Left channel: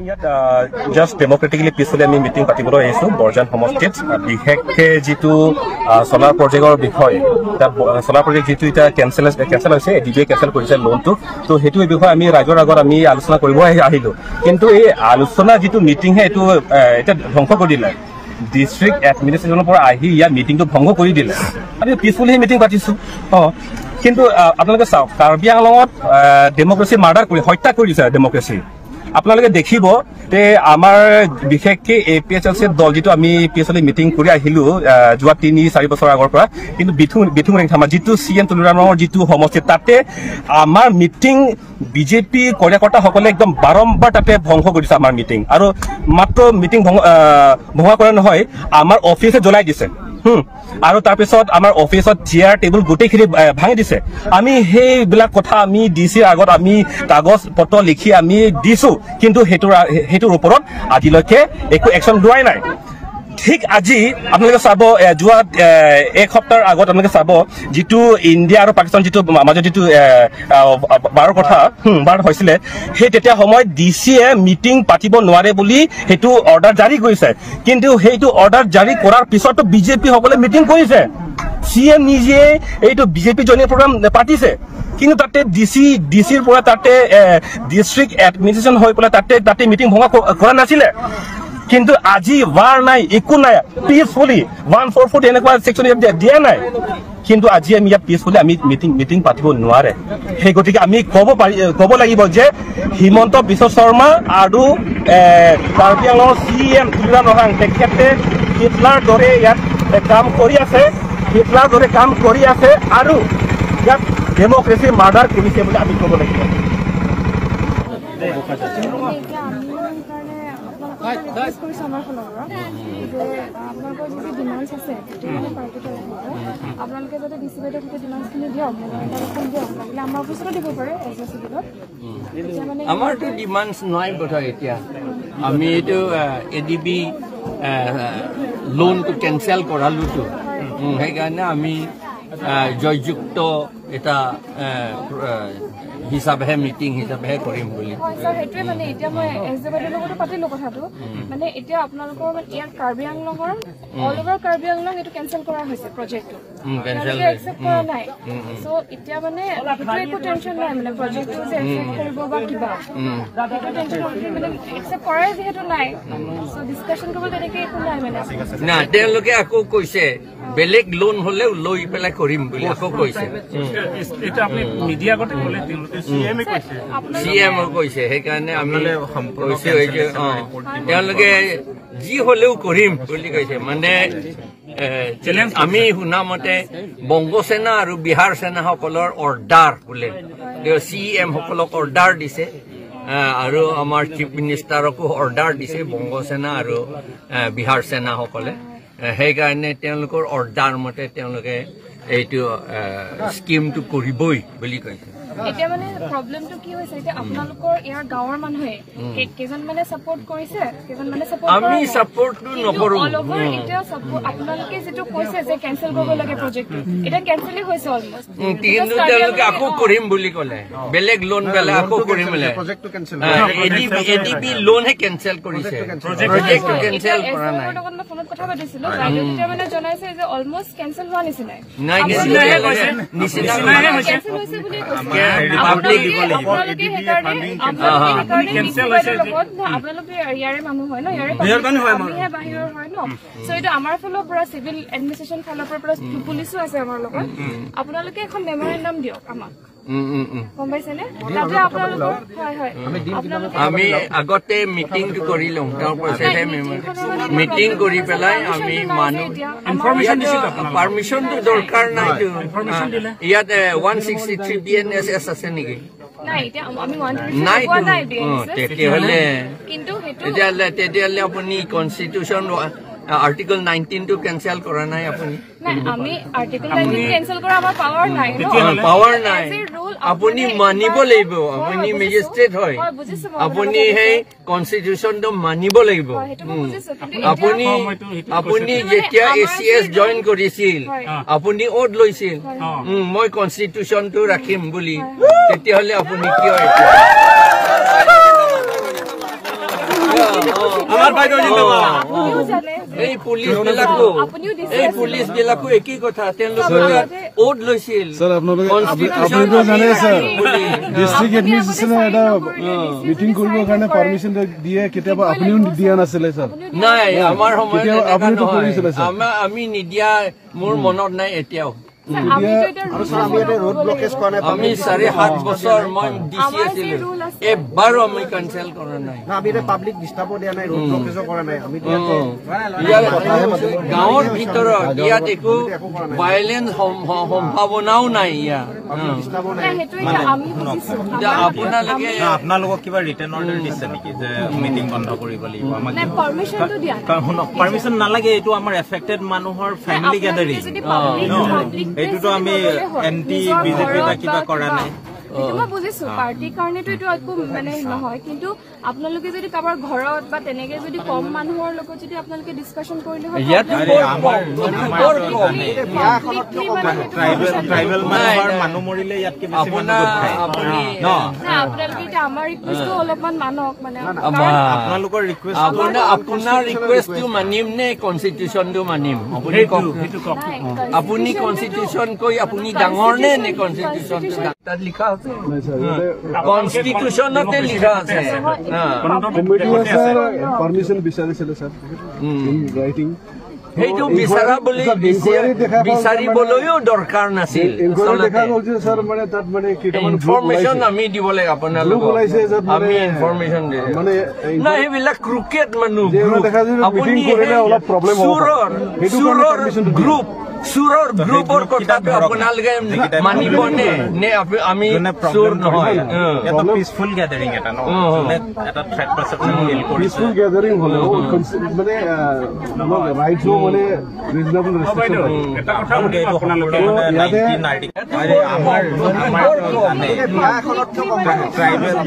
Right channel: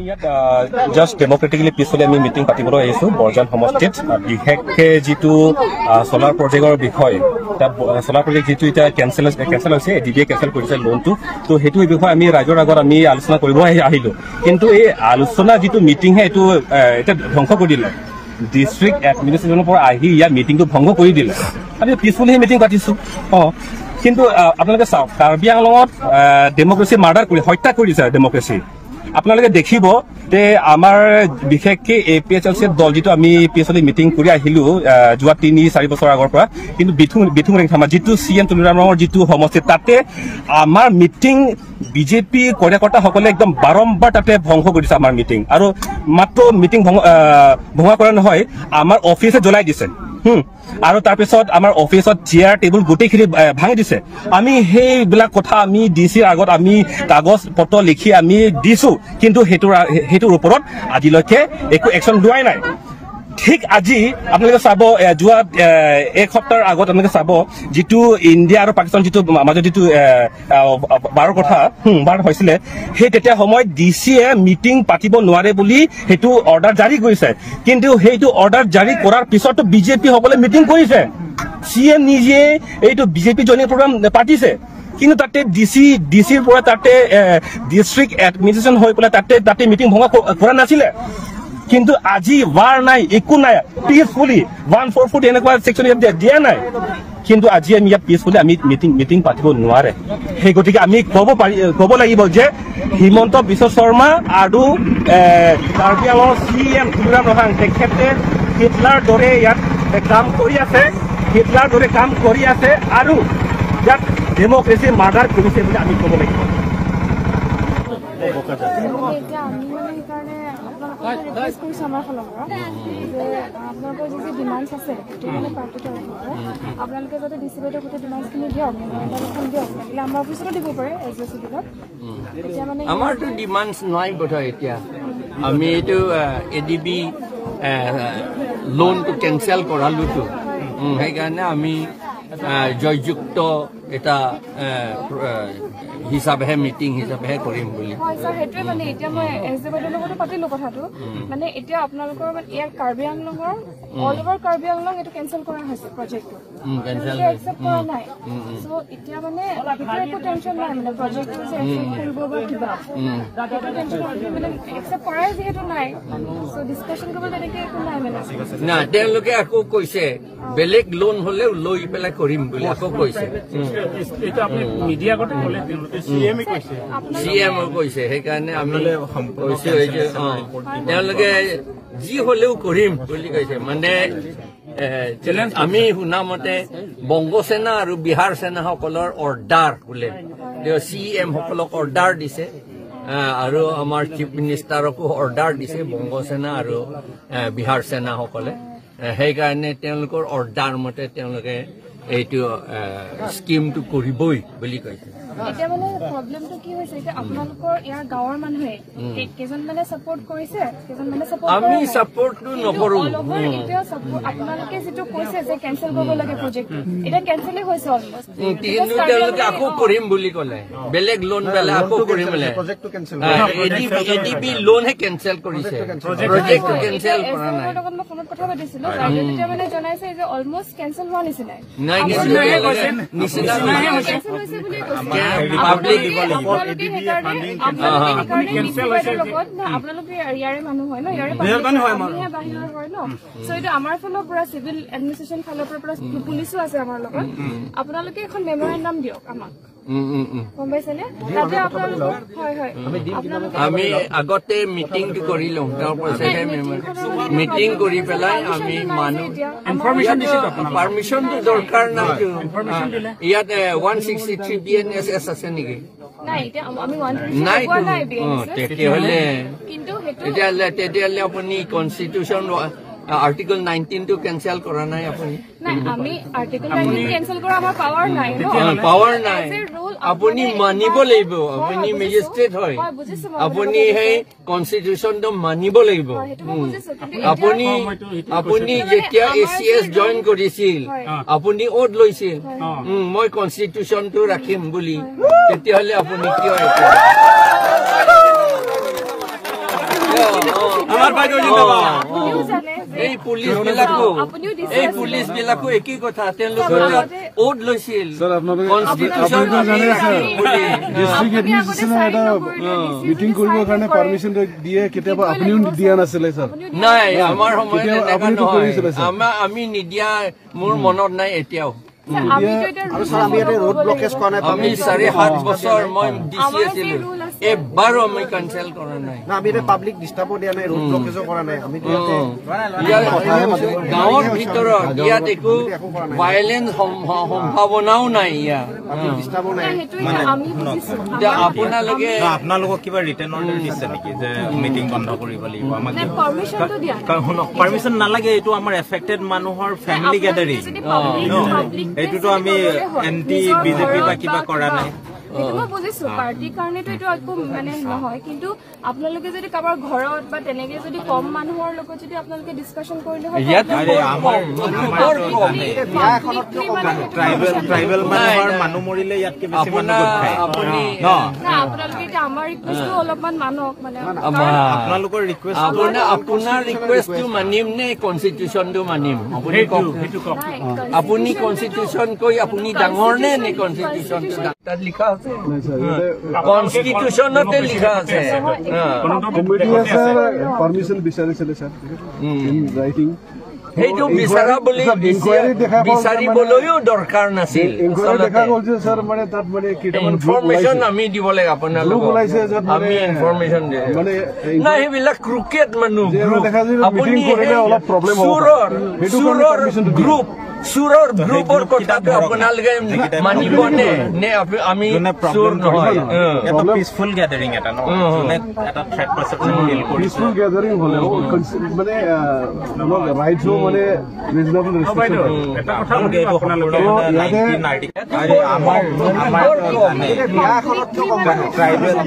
আমি ইয়াত জাষ্ট ডেমক্ৰেটিকলি পিছফালে আমি মিটিং পাতিবলৈ আহিছো বৰজান সমষ্টিত বিশেষকে যিটো সোলাৰ প্ৰজেক্টৰ বিষয় সোলাৰ প্ৰজেক্ট যিটো এতিয়া কেনচেল হৈছে এডিবিয়ে কেনচেল কৰিছে লোনটো তো সেইটো বিষয়ে আমি ৰাইজৰ আগত আমি আলোচনা কৰিব আহিলো কিন্তু এই আলোচনা যিটো মিটিং হে এইটো এটা ধ্বংস কৰি দিলে ডিষ্ট্ৰিক্ট এডমিনিষ্ট্ৰেশ্যনৰ পৰা আহি ইয়াৰ মিটিংটো ভংগ কৰি দিলে আমি পিছফালে মিটিং পাতিছো কিন্তু আপোনালোকে চাওক কাৰ্বি আংলঙত ডেমক্ৰেচি মাৰ্ডাৰ কৰি হত্যা কৰিছে ডেমক্ৰেচি আপোনালোকে দেখিব যে আমাৰ বিশেষকে এপিএছএলচি দল যিটো আমি পিছফালে মিটিং কৰি আহিলো যোৱা ৩-৪ বছৰ আগৰ পৰা কিন্তু বিথুং থামা যিটো চিএম তুলুৰামৰ যিটো সমষ্টি তাতে আমাৰ মিটিং বিজেপি কাৰ্যকৰ্তাসকলে একদম বাৰম্বাৰ তাতে ভংগ কৰিছে আমাৰ মিটিং আৰু মাত্ৰ মিটিং ভংগ কৰা নহয় আমাৰ অফিচে জ্বলাই দিছে আৰু তাৰপিছত আমাৰ অফিচত চেয়াৰ টেবুল গোটেইখিনি ভাঙি দিছে আমি সেইবিলাক কথা আমি ডিচিৰ আগত আমি কাগজ পত্ৰ লিখি আমি দিছো কিন্তু সেইটোৰ ওপৰত আজিলৈকে একো একশ্যন লোৱাই নাই ঠিক আজি আপোনালোকে চাব যোৱা এক সপ্তাহৰ আগত আপোনালোকে চাব যিটো ইণ্ডিয়া আৰু পাকিস্তান যিটো মাজত যিটো বাৰৰ কথা বাৰ হৈছিলে সেই তেতিয়া সময়ত ডিচিয়ে মিটিং পাতিব নোৱাৰে বুলি সেইটো অৰ্ডাৰ জাৰি কৰিছে কিন্তু সেইটো অৰ্ডাৰ জাৰি কৰাৰ পিছতো বিজেপি সকলে মিটিং কৰিছে চিএম নিজে এইটো বিজেপি জইনিং প্ৰগ্ৰাম পাতিছে কিন্তু তাতে ডিচিৰ পৰা তাতে ডিষ্ট্ৰিক্ট এডমিনিষ্ট্ৰেশ্যন হৈ পেলাই তাতে মিটিং ভংগ কৰা নাছিলে কিন্তু আজি ৱাৰ নাই একো নাই পিছফুলি 144 এনেকুৱা সেকশন দিয়া নাই কিন্তু আজি আমি ইয়াত পিছফুলি আমি মিটিং পাতিব নোৱাৰে সেই গতিকে আমি ক'ব লাগিব যে হিমন্ত বিশ্ব শৰ্মা আৰু কাৰ্বি আংলঙৰ চিএম তুলুৰাম ৰহাং তেখেতে হিটলাৰ দৰে ইয়াত কাম কৰি আছে আৰু ইয়াত ডেমক্ৰেচি মাৰ্ডাৰ কৰিছে বুলি আমি ক'ব লাগিব আপোনালোকৰ যি ডিমাণ্ডছ আছে আপোনালোকে যাতে ডিচি বাইদেউ গোটেই ডিমাণ্ডছখিনি দিয়ক এখন দিয়ক লাগিলে আমাৰ অফিচতো দিব পাৰে এড্ৰেছবিলাক এতিয়া মানে আমাৰতো ডিমাণ্ডছ নাই বোধহয় এতিয়া আমি এইটো এডিবি লোনটো কেনচেল কৰালোতো সেইকাৰণে আমি জয়যুক্ত এটা হিচাপেহে মিটিং হিচাপেহে কৰিম বুলি সেইটোৱে মানে এতিয়া মই এছ ডি বাইদেউৰ লগতো পাতিলো কথাটো মানে এতিয়া আপোনালোকৰ ইয়াৰ কাৰ্বি আংলঙৰ অল অভাৰ কাৰ্বি আংলং এইটো কেনচেল কৰা হৈছে প্ৰজেক্টটো একচেপ্ট কৰা নাই চ' এতিয়া মানে সেইটো একো টেনশ্যন নাই মানে প্ৰজেক্টটো যে কৰিব বা কিবা সেইটো টেনশ্যন মানে একচেপ্ট কৰাই যিহেতু নাই চ' ডিছকাশ্যন কৰিব তেনেকে একো নাই মানে না তেওঁলোকে আকৌ কৈছে বেলেগ লোন হলেও লৈ পেলাই কৰিম বুলি আকৌ কৈছে এটা আপুনি মিডিয়া আগতে ক'লে চিএম কৈছে সেইকাৰণে আমি কৈছো তেওঁলোকে যি হলেও কৰিম বুলি কৈছে মানে আমি শুনা মতে বংগসেনা আৰু বিহাৰ সেনাসকলৰ অৰ্ডাৰ বোলে চিএম সকলক অৰ্ডাৰ দিছে আৰু আমাৰ চিফ মিনিষ্টাৰকো অৰ্ডাৰ দিছে বংগসেনা আৰু বিহাৰ সেনাসকলে সেইকাৰণে তেওঁলোকৰ অৰ্ডাৰ মতে তেওঁলোকে এইটো স্কিমটো কৰিবই বুলি কৈছে এতিয়া মানে প্ৰব্লেমটো কি হৈছে এতিয়া আপোনালোকৰ ইয়াৰ গাঁৱৰ মানুহে কেইজন মানে সাপোৰ্ট কৰিছে কেইজন মানে সাপোৰ্ট আমি সাপোৰ্টটো নকৰো অল ওভাৰ এতিয়া আপোনালোকে যেটো কৈছে যে কেনসেল কৰিব লাগে প্ৰজেক্ট এটা কেনসেলই হৈছে অলমোস্ট কিন্তু তেওঁলোকে আকৌ কৰিম বুলি ক'লে বেলেগ লোন বেলা আকৌ কৰিম বুলি প্ৰজেক্টটো কেনসেল এডিবি লোন হে কেনসেল কৰিছে প্ৰজেক্টটো কেনসেল কৰা নাই মই লগত ফোনত কথা পাতিছিলো ৰাইজে মানে জনাইছে যে অলমোস্ট কেনসেল হোৱা নিচিনাই নাই নিচিনা কেনসেল হৈছে বুলি কৈছে আপোনালোকে সেইকাৰণে আপোনালোকে ইয়াৰে মানুহ হয় ন ইয়াৰে বাহিৰৰ হয় ন চ' এইটো আমাৰ ফালৰ পৰা চিভিল এডমিনিষ্ট্ৰেশ্যন ফালৰ পৰা পুলিচো আছে আমাৰ লগত আপোনালোকে এখন মেমৰেণ্ডাম দিয়ক আমাক গম পাইছেনে তাতে আপোনালোকৰ হয় আমি আগতে মিটিংটো কৰি লওঁ তাৰপাছতহে মিটিং কৰি পেলাই আমি মানুহ পাৰ্মিশ্যনটো দৰকাৰ নাইতো ইয়াত 163 BNSS আছে নেকি তেতিয়াহ'লে আপুনি কনষ্টিটিউশ্যন আৰ্টিকল 19 টো কেনসেল কৰা নাই আপুনি আমি আৰ্টিকল 19 কেনসেল কৰা আমাৰ পাৱাৰ নাই পাৱাৰ নাই আপুনি মানিব লাগিব আপুনি মেজিষ্ট্ৰেট হয় আপুনি সেই কনষ্টিটিউশ্যনটো মানিব লাগিব আপুনি যেতিয়া ACS জইন কৰিছিল আপুনি ওট লৈছিল মই কনষ্টিটিউশ্যনটো ৰাখিম বুলি তেতিয়াহ'লে আপুনি কিয় আমাৰ বাইদেউ জিন্দাবাদ আপুনিও জানে এই পুলিচ বিলাকো একেই কথা তেওঁলোকে ওট লৈছিল ডিষ্ট্ৰিক্ট এডমিনিষ্ট্ৰেশ্যনে এটা মিটিং কৰিবৰ কাৰণে পাৰ্মিশ্যন দিয়ে কেতিয়াবা আপুনিও দিয়া নাছিলে ছাৰ নাই আমাৰ সময়ত আপুনিতো কৰিছিলে ছাৰ আমি নিদিয়া মোৰ মনত নাই এতিয়াও আমি 7.5 বছৰ মই ডিচি আছিলো এবাৰো আমি কেঞ্চেল কৰা নাই পাব্লিক ডিষ্টাৰ্বো দিয়া নাই ৰোড ব্লকেজো কৰা নাই গাঁৱৰ ভিতৰত ইয়াত একো ভাইলেন্স সম্ভাৱনাও নাই ইয়াত আপোনালোকক কিবা ৰিটাৰ্ণ অৰ্ডাৰ দিছে নেকি যে মিটিং বন্ধ কৰিব লাগিব আমাক পাৰ্মিশ্যন নালাগে এইটো আমাৰ এফেক্টেড মানুহৰ ফেমিলি গেডাৰিং এইটোতো আমি এনটি বিজেপি বা কিবা কৰা নাই মই বুজিছো পাৰ্টিৰ কাৰণেতো এইটো একো মানে নহয় কিন্তু আপোনালোকে যদি কাৰোবাৰ ঘৰত বা তেনেকে যদি কম মানুহৰ লগত যদি আপোনালোকে ডিছকাশ্যন কৰিলে হয় মানুহ মৰিলে ইয়াত আপোনালোকে এতিয়া আমাৰ ৰিকুৱেষ্টটো অলপমান মানক মানে আপোনালোকৰ ৰিকুৱেষ্ট আপোনাৰ ৰিকুৱেষ্টটো মানিম নে কনষ্টিটিউচনটো মানিম আপুনি কওক আপুনি কনষ্টিটিউচন কৈ আপুনি ডাঙৰ নে কনষ্টিটিউচনটো তাত লিখা আছে কনষ্টিটিউচনতে লিখা আছে পাৰ্মিশ্যন বিচাৰিছিলে ছাৰ ৰাইটিং সেইটো বিচাৰিবলৈও দৰকাৰ নাছিল ইনফৰমেশ্যন আমি দিব লাগে আপোনালোকক আমি ইনফৰমেশ্যন নাই সেইবিলাক ক্ৰিকেট মানুহ আপুনি গ্ৰুপ চুৰৰ গ্ৰুপৰ কথাটো আপোনালোকে মানিব নে আমি চুৰ নহয় পিছফুল গেডাৰিং এটা এটা থ্ৰেট পাৰচেপশ্যন পিছফুল গেডাৰিং হলেও মানে ৰাইটছ মানে ৰিজনেবল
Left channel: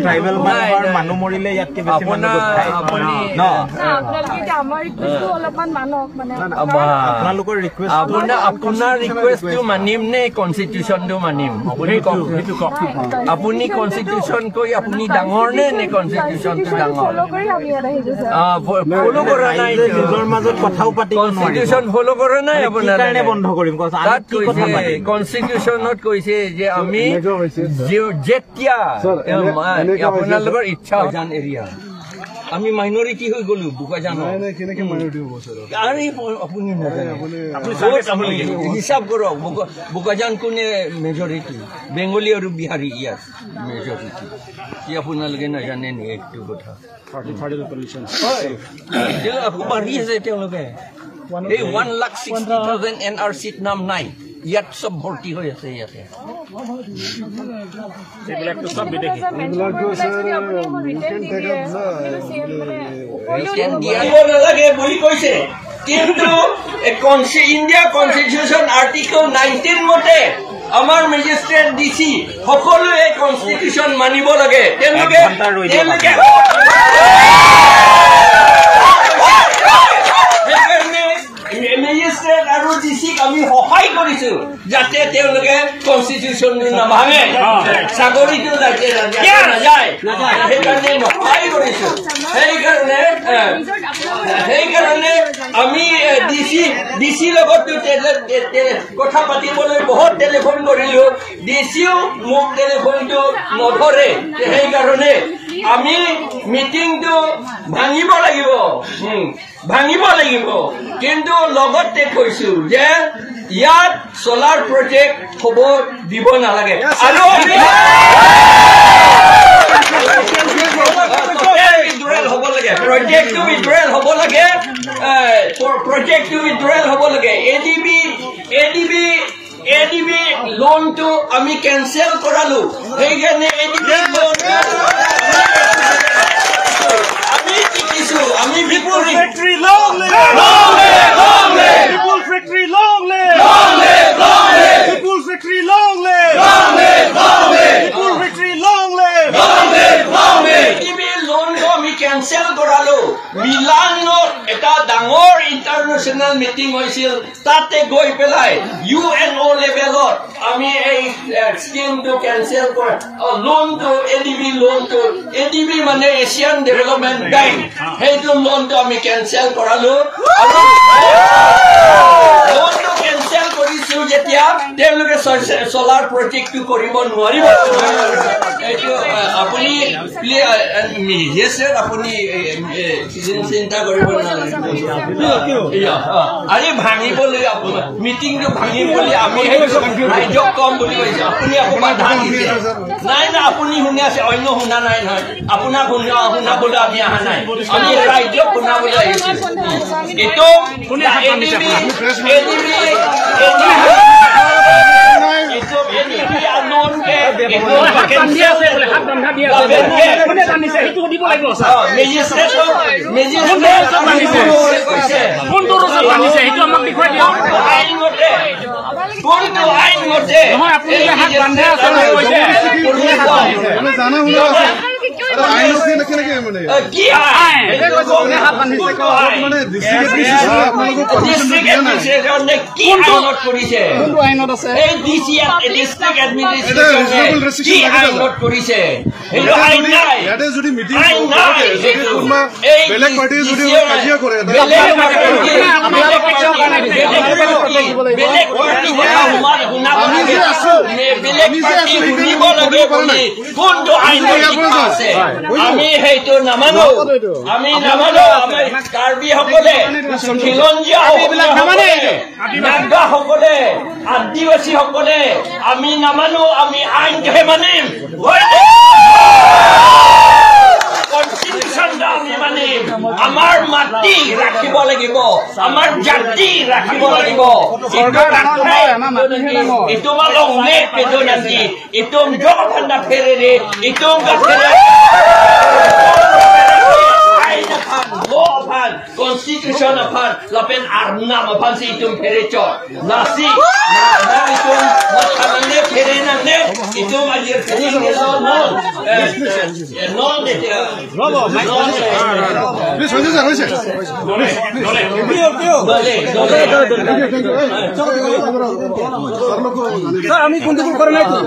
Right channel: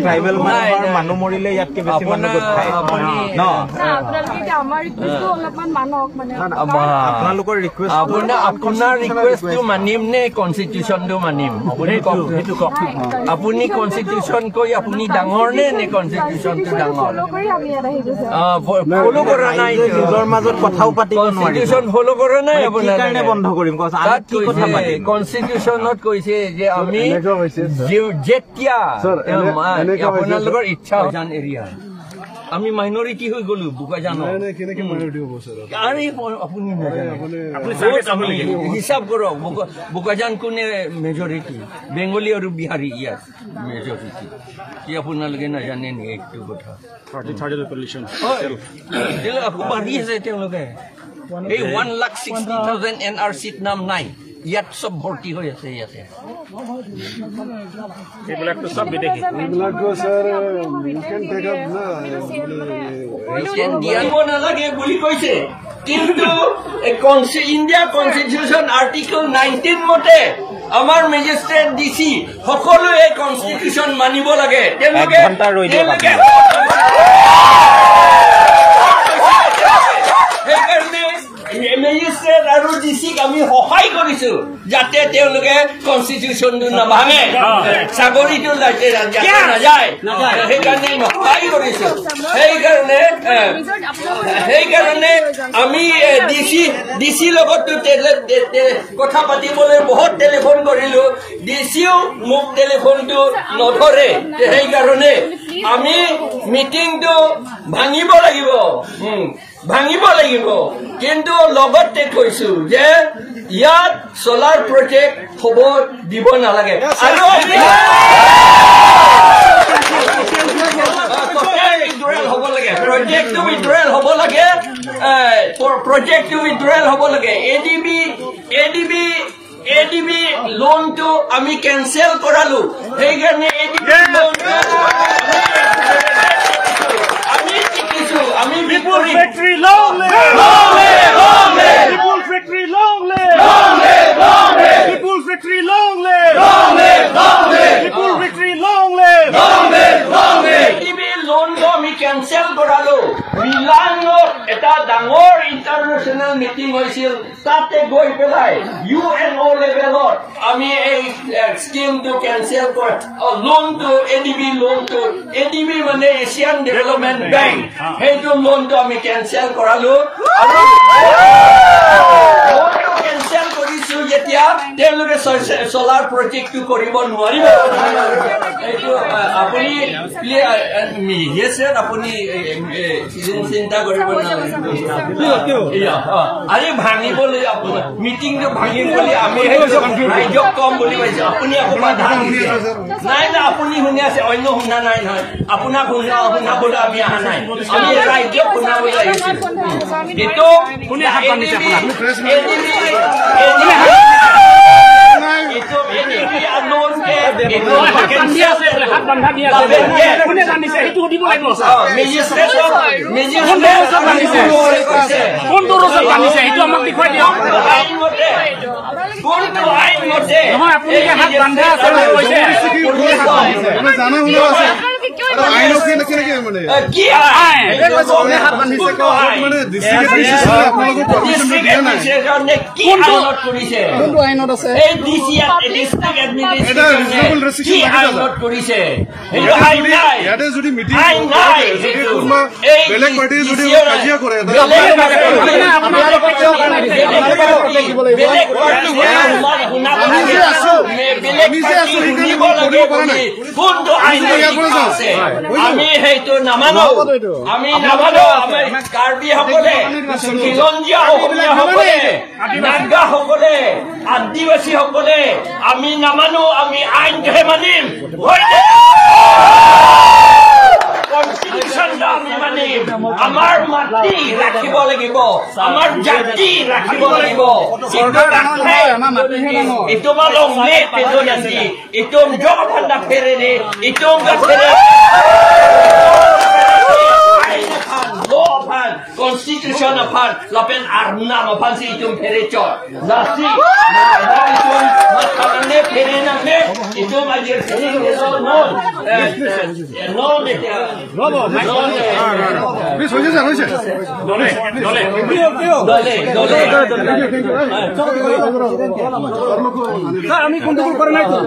ট্ৰাইবেল মানুহ মৰিলে ইয়াতকে বেছি অলপমান মানক মানে আপোনালোকৰ ৰিকুৱেষ্ট আপোনাৰ ৰিকুৱেষ্টটো মানিম নে কনষ্টিটিউচনটো মানিম আপুনি কওক আপুনি কনষ্টিটিউচন কৈ আপুনি ডাঙৰ নে কনষ্টিটিউচনটো ডাঙৰ ফলো কৰা নাই নিজৰ মাজত কথাও পাতিব কনষ্টিটিউচন ফলো কৰা নাই আপোনালোকে বন্ধ কৰিম তাত কৈছে কনষ্টিটিউচনত কৈছে যে আমি যেতিয়া আপোনালোকৰ ইচ্ছা জান এৰিয়া আমি মাইনৰিটি হৈ গলো বোকাজানৰ আপুনি হিচাপ কৰক বোকাজান কোনে মেজৰিটি বেংগলী আৰু বিহাৰী ইয়াত মেজৰিটি কি আপোনালোকে নাজানে নি এইটো কথা আকৌ বাঢ়ি আছে তেওঁলোকে এই 1,60,000 NRCত নাম নাই ইয়াত চব ভৰ্তি হৈ আছে ইয়াতে নালাগে বুলি কৈছে কিন্তু ইণ্ডিয়া কনষ্টিটিউচন আৰ্টিকল 19 মতে আমাৰ মেজিষ্ট্ৰেট ডিচি সকলোৱে এই কনষ্টিটিউচন মানিব লাগে তেওঁলোকে মেজিষ্ট্ৰেট আৰু ডিচিক আমি সহায় কৰিছো যাতে তেওঁলোকে কনষ্টিটিউচনটো নাভাঙে চাকৰিটো নাযায় সেইকাৰণে সহায় কৰিছো সেইকাৰণে আমি ডিচি লগতো কথা পাতিবলৈ বহুত টেলিফোন কৰিলো ডিচিও মোক টেলিফোনটো নধৰে সেইকাৰণে আমি মিটিংটো ভাঙিব লাগিব কিন্তু লগতে কৈছো যে ইয়াত সোলাৰ প্ৰজেক্ট হ'ব দিব নালাগে আৰু প্ৰজেক্টটো উইথড্ৰয়েল হ'ব লাগে এডিবি লোনটো আমি কেঞ্চেল কৰালো সেইকাৰণে আমি লোনটো আমি কেঞ্চেল কৰালো মিলানত এটা ডাঙৰ ইণ্টাৰনেশ্যনেল মিটিং হৈছিল তাতে গৈ পেলাই UNO লেভেলত আমি এই স্কিমটো কেনচেল কৰা লোনটো ADB মানে এছিয়ান ডেভেলপমেণ্ট বেংক সেইটো লোনটো আমি কেনচেল কৰালো আৰু লোনটো কেনচেল কৰিছো যেতিয়া তেওঁলোকে সোলাৰ প্ৰজেক্টটো কৰিব নোৱাৰিব এইটো আপুনি আপুনি চিন্তা কৰিব আৰে ভাঙিবলৈ আপোনাৰ মিটিংটো ভাঙিম বুলি আমি ৰাইজক কম বুলি কৈছে আপুনি নাই না আপুনি শুনি আছে অন্য শুনা নাই নহয় আপোনাক শুনাবলৈ আমি অহা নাই আমি ৰাইজক শুনাবলৈ আহিছো এইটো যদি মিটিং বেলেগ পাৰ্টি যদি কাজিয়া কৰে আমি সেইটো নামানো আমি কাৰ্বিসকলে খিলঞ্জীয়া অসমীয়াসকলে নাগাসকলে আদিবাসীসকলে আমি নামানো আমি আইনহে মানিম আমাৰ মাটি ৰাখিব লাগিব আমাৰ জাতি ৰাখিব লাগিব ইটোম লংলে পেদো Nandi ইটোম জগভান্ডা ফেৰেৰে ইটোম গাফেৰে Constitution apaan, lapen arnam apaan si itum perecot, nasi, itum makanannya perenangnya, itum ajar kering non, আমি কন্ট্রোল করে নাই তো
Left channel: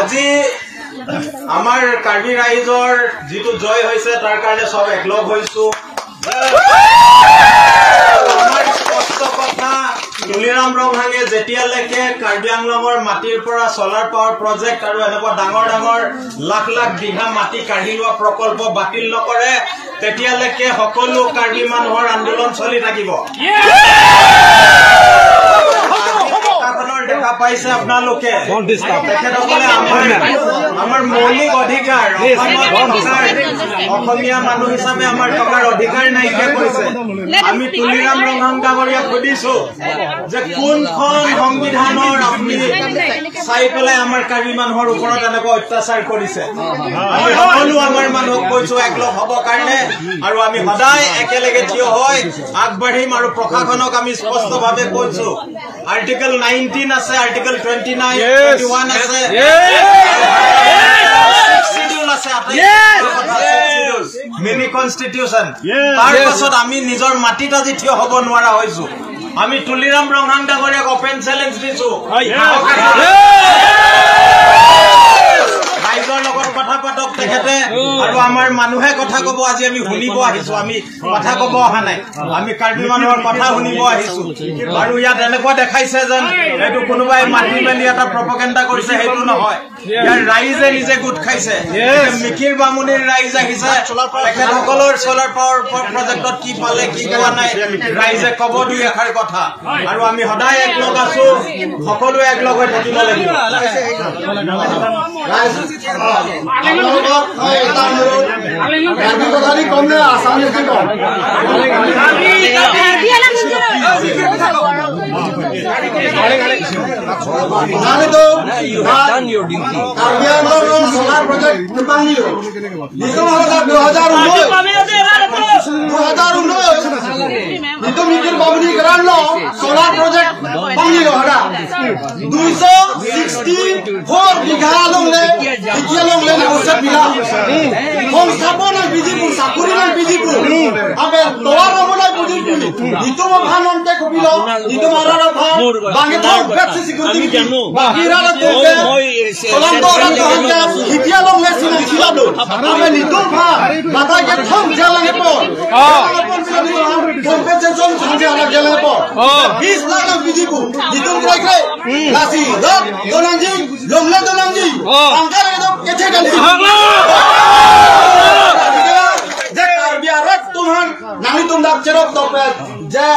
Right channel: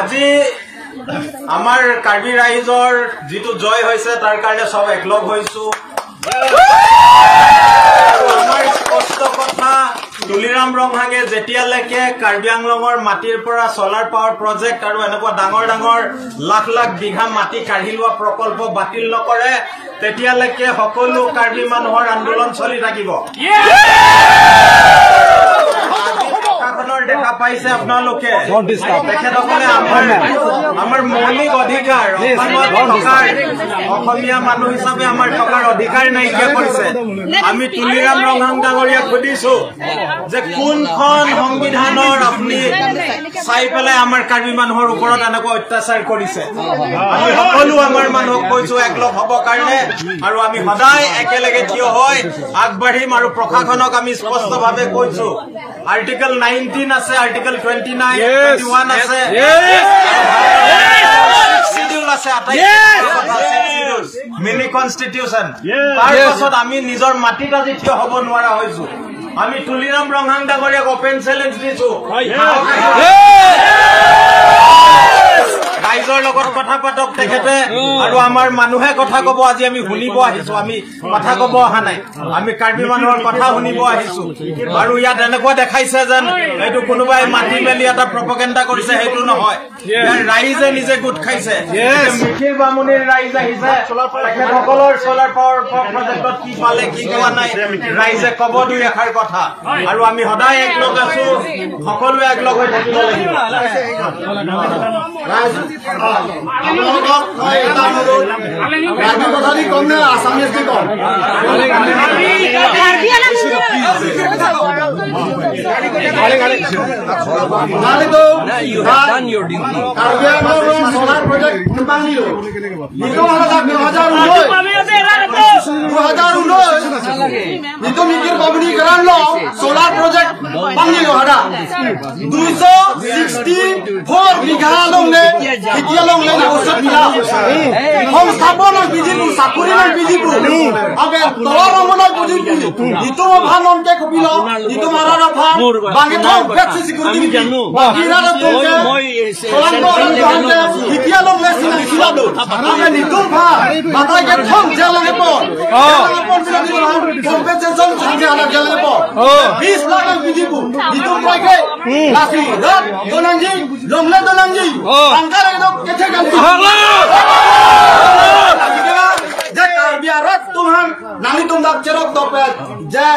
আজি আমাৰ কাৰ্বি ৰাইজৰ যিটো জয় হৈছে তাৰ কাৰণে সব একলগ হৈছো আমাৰ স্পষ্ট কথা তুলিৰাম ৰংহাঙে যেতিয়ালৈকে কাৰ্বি আংলঙৰ মাটিৰ পৰা সোলাৰ পাৱাৰ প্ৰজেক্ট আৰু এনেকুৱা ডাঙৰ ডাঙৰ লাখ লাখ বিঘা মাটি কাঢ়ি লোৱা প্ৰকল্প বাতিল নকৰে তেতিয়ালৈকে সকলো কাৰ্বি মানুহৰ আন্দোলন চলি থাকিব দেখা পাইছে আপোনালোকে তেখেতসকলে আমাৰ মৌলিক অধিকাৰ অসমীয়া মানুহ হিচাপে আমাৰ টকাৰ অধিকাৰ নাইকিয়া কৰিছে আমি তুলিৰাম ৰংহাং ডাঙৰীয়াক সুধিছো যে কোনখন সংবিধানৰ আপুনি চাই পেলাই আমাৰ কাৰ্বি মানুহৰ ওপৰত এনেকুৱা অত্যাচাৰ কৰিছে আমি সকলো আমাৰ মানুহক কৈছো একলগ হ'ব কাৰণে আৰু আমি সদায় একেলগে থিয় হৈ আগবাঢ়িম আৰু প্ৰশাসনক আমি স্পষ্টভাৱে কৈছো আৰ্টিকেল 9 18 আছে, আৰ্টিকেল 29, 21 আছে, শিডিউল আছে, মিনি কনষ্টিটিউচন। তাৰপিছত আমি নিজৰ মাটিত আজি থিয় হ'ব নোৱাৰা হৈছো। আমি তুলিৰাম ৰংহাং ডাঙৰীয়াক অপেন চেলেঞ্জ দিছো, ৰাইজৰ লগত কথা পাতক তেখেতে, আৰু আমাৰ মানুহে কথা কব। আজি আমি শুনিব আহিছো, আমি কথা কব অহা নাই। আমি কাৰ্বি মানুহৰ কথা শুনিব আহিছো। আৰু ইয়াত এনেকুৱা দেখাইছে যেন এইটো কোনোবাই মাতি মেলি এটা প্ৰপেগেণ্ডা কৰিছে, সেইটো নহয়। ইয়াৰ ৰাইজে নিজে গোট খাইছে। মিকিৰ বামুণীৰ ৰাইজ আহিছে, তেখেতসকলৰ চলাৰ পাৱাৰ প্ৰজেক্টত কি পালে কি পোৱা নাই ৰাইজে কব দুই এষাৰ কথা। আৰু আমি সদায় একলগ আছো, সকলোৱে একলগ হৈ থাকিব লাগিব। কম নে আসামিজ কম? সোলার প্রজেক্ট 2019 মিকির বামুণী গ্রাম সোলার প্রজেক্ট বাংলি 264 বিঘা লংলে এতিয়া লংলে নামুচত মিলা সংস্থাপন বিজিপু চাকুরি নাই বিজিপু আবে তোর আমলাই বিজিপু নিতো ভাল অংকে কপিল নিতো মারার ভাল বাঙ্গে তো ব্যবসা সিকিউরিটি বাকি না তো সোলার তো এতিয়া লংলে সিলাদো আবে নিতো ভাল বাতাই কে থম জেলাঙ্গে পর কম্পেনসেশন সংজে আলা জেলাঙ্গে পর 20 লাখ বিজিপু নিতো ট্রাইকে লাসি দত দনাঞ্জি লংলে দনাঞ্জি আঙ্কার একদম কেছে গালি যে কার্বিয়ারত তোমার নামি তোমরা চেরক দপে যে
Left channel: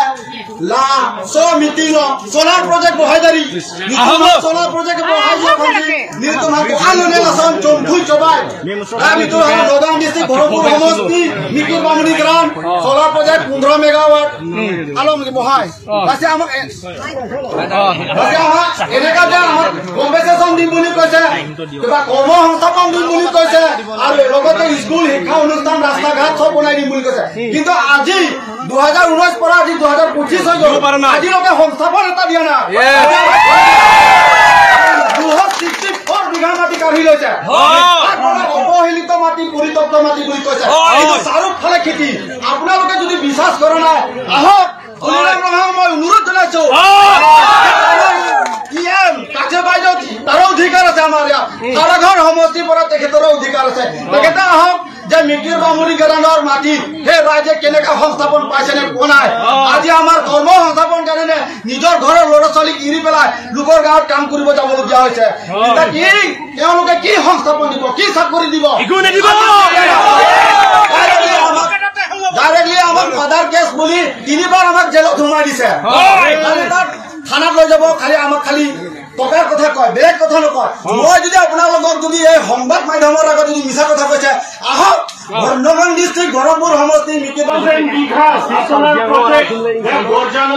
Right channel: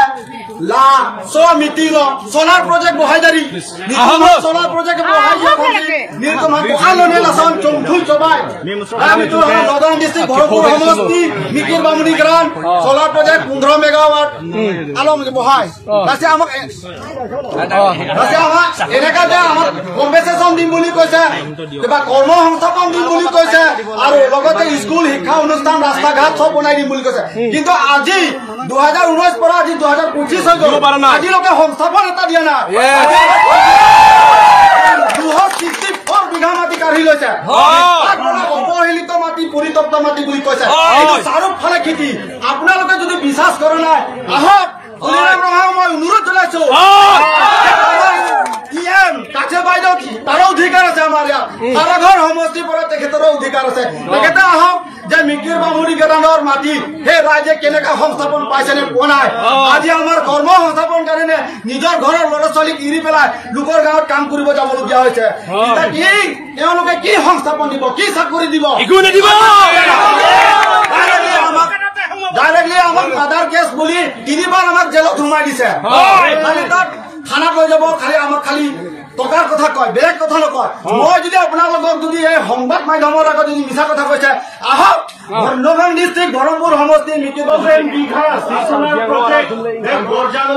লা সো মিটিং সোলার প্রজেক্ট বহাইদারি নিতম সোলার প্রজেক্ট বহাইদারি নিতম আননে লাসাম চমথুই চবাই আমি তো নগাঁও ডিস্ট্রিক্ট ভরপুর সমষ্টি মিকির বামুণী গ্রাম সোলার প্রজেক্ট 15 মেগাওয়াট আলম বহাই তাছে আমাক এনেকা যে আমাক কম্পেনসেশন দিম বুলি কৈছে কিবা কর্ম সংস্থাপন দিম বুলি কৈছে আৰু লগতে স্কুল শিক্ষা অনুষ্ঠান ৰাস্তা ঘাট সব বনাই দিম বুলি কৈছে কিন্তু আজি 2019 পৰা আজি 2025 হৈ গ'ল আজিলৈকে সংস্থাপন এটা দিয়া নাই 264 বিঘা মাটি কাঢ়ি লৈছে অপহেলিত মাটি পৰিতপ্ত মাটি বুলি কৈছে কিন্তু চাৰিওফালে খেতি আপোনালোকে যদি বিশ্বাস কৰা নাই আহক তুলিৰাম ৰংহাং মই অনুৰোধ জনাইছো কাছে বাইদেউ তাৰ অধিকাৰ আছে আমাৰ ইয়াত তাৰা ঘৰ সমষ্টি পৰা তেখেতৰ অধিকাৰ আছে তেখেতে আহক যে মিকিৰ বামুণী গ্ৰামৰ মাটি হে ৰাইজে কেনেকা সংস্থাপন পাইছে নে পোৱা নাই আজি আমাৰ কৰ্ম সংস্থাপন কাৰণে নিজৰ ঘৰৰ ল'ৰা ছোৱালীক এৰি পেলাই লোকৰ গাঁৱত কাম কৰিব যাবলগীয়া হৈছে এতিয়া কি তেওঁলোকে কি সংস্থাপন দিব কি চাকৰি দিব ডাইৰেক্টলি আমাক মাদাৰ কেছ বুলি 3 বাৰ আমাক জেলত সোমাই দিছে থানা লৈ যাব খালি আমাক খালি টকাৰ কথা কয় বেলেগ কথা নকয় মই যদি আপোনালোকক যদি এই সংবাদ মাধ্যমৰ আগত যদি মিছা কথা কৈছে আহক নগাঁও ডিস্ট্ৰিক্ট বৰমপুৰ সমষ্টি মিকিৰ বামুণী বিঘা সোলাৰ প্ৰজেক্ট হে বৰজানো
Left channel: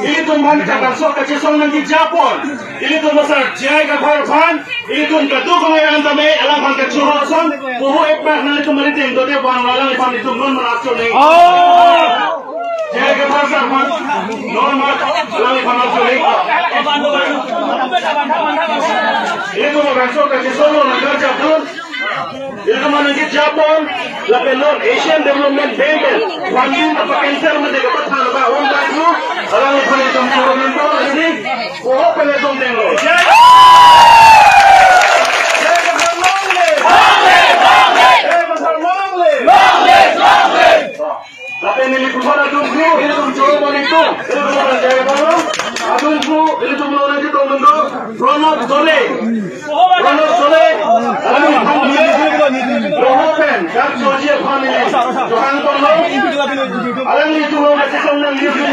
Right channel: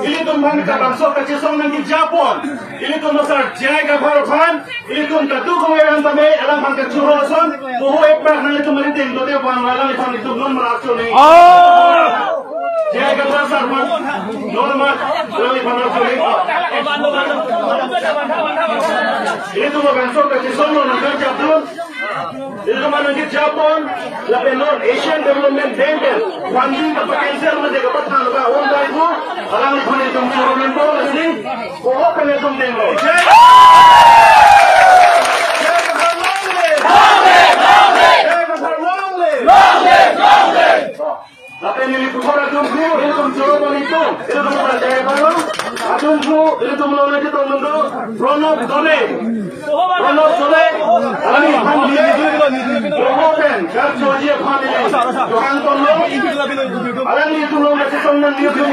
ini tumbang kapan sok kecesong nanti Japon ini tumbang sar jaga farfan ini tumbang tu kau yang anda me alam hangkat cuasan boho ekbar nanti tu mari tengok deh bang lalang ni pang itu non merasuk ni jaga farfan non mar lalang ni pang merasuk ni ini tumbang sok kecesong nanti Japon ini nanti Japon lapen non Asian Development Bank funding apa cancel menjadi petang lepas orang baru orang ni boleh tunggu orang tu ini boho kena tunggu lapen ini kupara tunggu ini tunggu balik tu ini tunggu jaga dalam tunggu ini tunggu lagi tunggu Ronald Jole kami panggil Rohopen kat Soji panggil Johan Tono orang itu orang kesong yang itu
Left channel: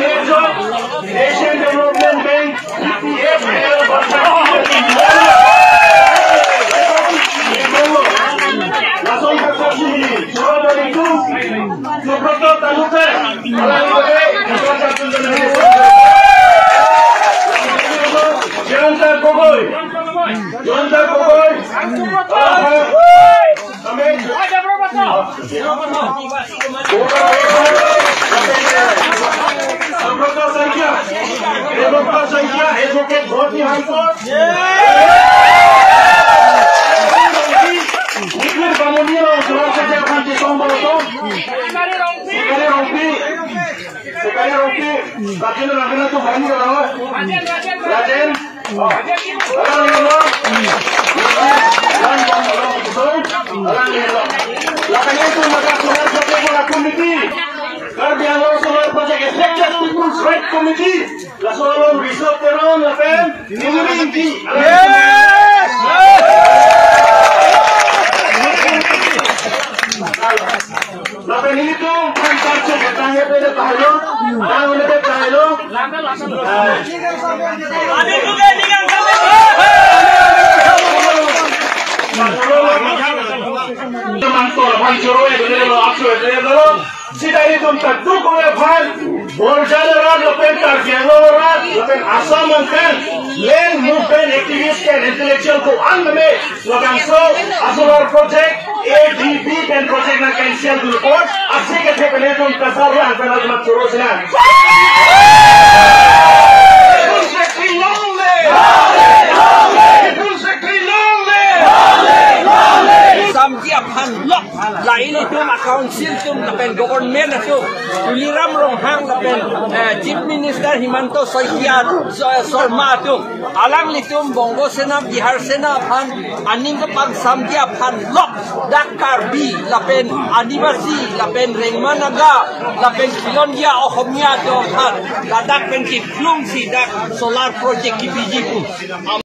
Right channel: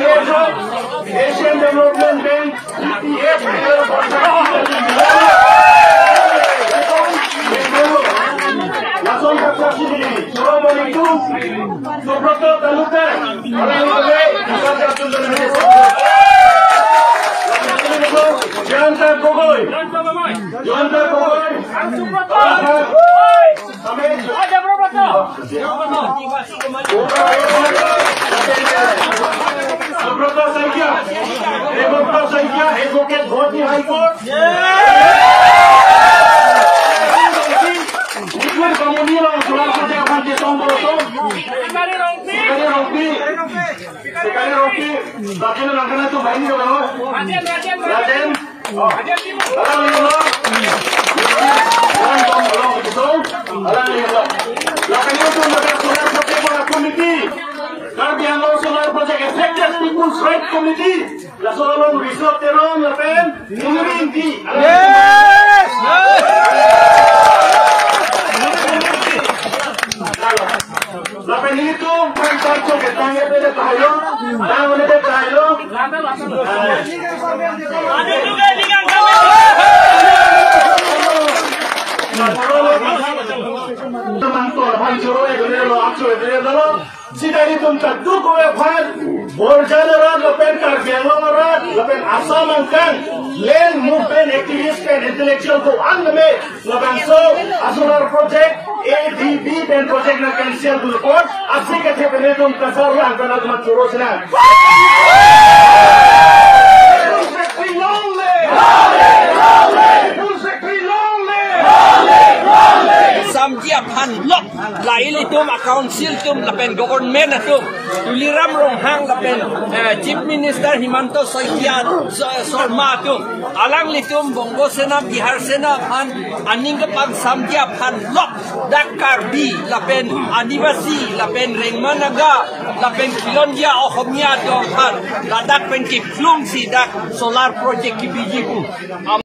Asian Development Bank ETF langsung ke sini coba itu Suprato Talupe orang itu bukan satu Janta Gogoi ada berapa tu? Demokrasi India, advocate Bharti High Court. Nikmat Bamunia, Surat Saja Bharti Sombolosom. Sekali rompi, bagian orang itu banyak loh. Raden, orang itu mereka sudah bekerja komiti. Karbiang Law Solar Project Affected People's Right Committee. La Solar Resort Teron, la pen, Ningirinti. La pen itu kontak katanya pada Thailand, orang ada Thailand. Ada juga dengan teman-teman Bhancoro itu adalah aktor itu adalah sidari tuntak dulu lepas borjaran lepas Karbiangoran lepas Assam kan land movement activist kan intellectual ko anme lepas so Solar Project ADB dan project na cancel dulu pun asli ke peneton tersalah antara teman Bhancoro silang. Samjia pan lok lai le tum council tum lapen government atu tuliram rong hang lapen chief minister Himanto Soikia Sorma atu alang le tum Bongo Sena Bihar Sena pan aning ka pag samjia pan lok Dakar bi lapen Adivasi lapen Rengmanaga lapen Kilondia Ohomia do pan ladak pen ki klung si dak solar project ki bijiku